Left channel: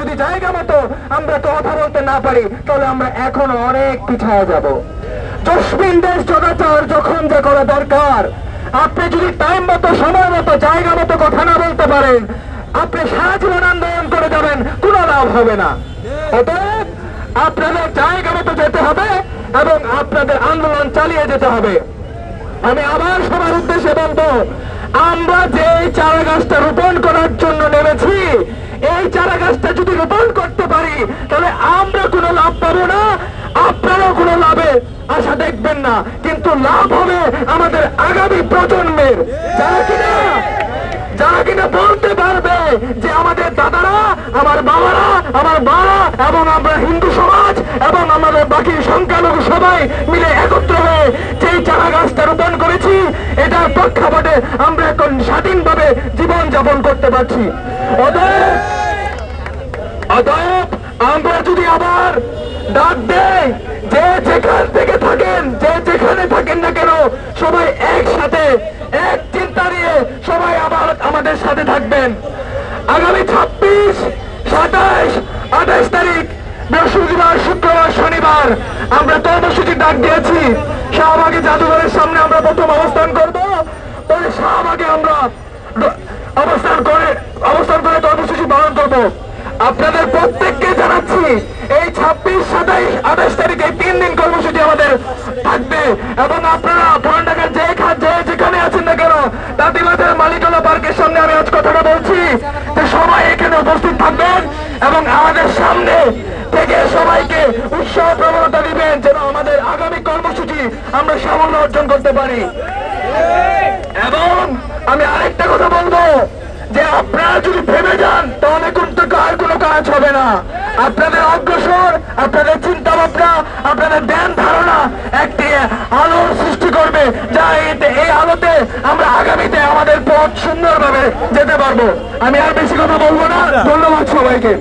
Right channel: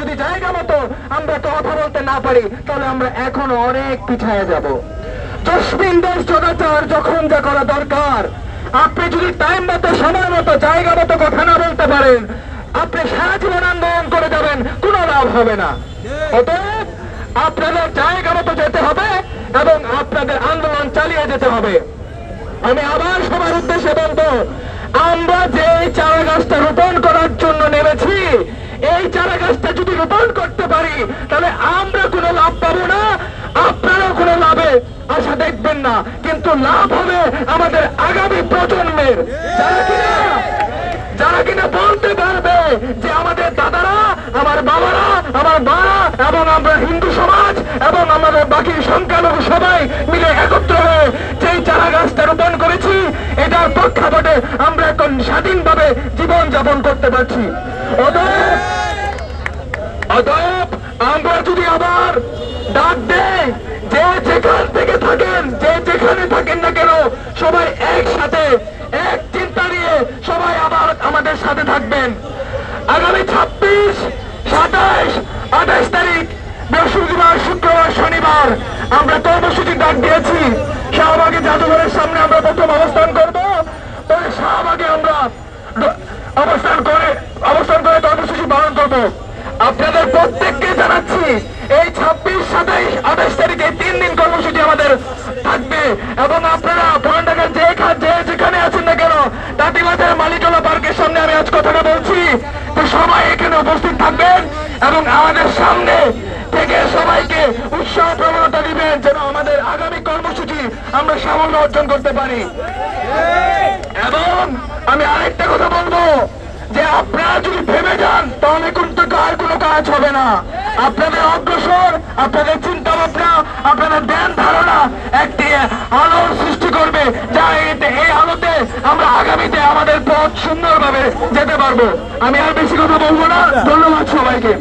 যদি জায়গা মতো আমরা কথা বলতে না পারি তাহলে আমরা এখন অনেক পিছায় যাব। জসমিন দেশ জগাচার যখন যা করা দরকার, আপনি যদি টাইম মতো সময় মতো জায়গা মতো কথা না বলতে পারেন, আপনি সারা জীবন আন্দোলন করে যাবেন, কোনো লাভ হবে না। অতএব আপনাদের জায়গা মতো যেতে হবে এবং আপনাদের আন্দোলন চালিয়ে যেতে হবে। আমি আবার সবার উদ্দেশ্যে বলবো, আমরা যে চারা গাছটা রোপণ করার জন্য নেমেছি, এই চারা গাছটা যদি রোপণ করতে পারি তাহলে আমরা কোনো লাভ পাবো না, আপনারাও কোনো লাভে আশা দেখবেন না, কিন্তু লাভ হবে আমাদের আগামী প্রজন্মের, যারা কিনা বলতে পারবে যে আমাদের দাদারা, আমার বাবারা, আমার মারা এবং আমরা হিন্দু সমাজ এবং আমাদের বাকি সংখ্যালঘু সবাই মিলে একত্র হয়ে যেই চারা গাছটা রোপণ করেছি, এটার প্রেক্ষাপটে আমরা এখন স্বাধীনভাবে জীবন যাপন করতে পারছি। অতএব আমরা যদি আবার ডাক দেই, যে যেখান থেকে থাকেন, যে যেখানে থাকেন না কেন, সবাই একসাথে এক চিন্তা নিয়ে সবাই আবার আমাদের সাথে থাকবেন। আগামী 26, 27, 28 তারিখ বৃহস্পতিবার, শুক্রবার, শনিবার আমরা কর্মসূচি ডাক দিয়েছি। শাহবাগে জাদুঘরের সামনে আমরা প্রথম অবস্থান করব, ওই শাহবাগে আমরা অবস্থান করে কর্মসূচি পালন করব। আপনাদের প্রত্যেককে জানাচ্ছি, এই 26, 27, 28 তারিখে 3 দিন কর্মসূচি আমাদের থাকবে এবং আপনারা ঢাকার যে যেখানে আছেন না কেন, তাঁতিবাজার মালিকলা পার্কের সামনে আমি আজ কথাটা বলছি, তো সবাই এখানে উপস্থিত থাকবেন এবং আমাদের সামনে থেকে সবাইকে উৎসাহ প্রবণতা দিবেন যেন আমাদের আগামী কর্মসূচি আমরা সাফল্য অর্জন করতে পারি। এবং আমি আরেকটা কথা বলবো যে আপনারা যদি ভেবে যান তাহলে কিন্তু আর কোনো কাজ হবে না। আপনাদের অগ্রসর, আপনাদের চিন্তা ভাবনা, আপনাদের ধ্যান ধারণা একটি আলোর সৃষ্টি করবে, যা এই আলোতে আমরা আগামীতে আমাদের পথ সুন্দরভাবে যেতে পারবো। আমি আর বেশি কথা বলবো না। ধন্যবাদ সবাইকে।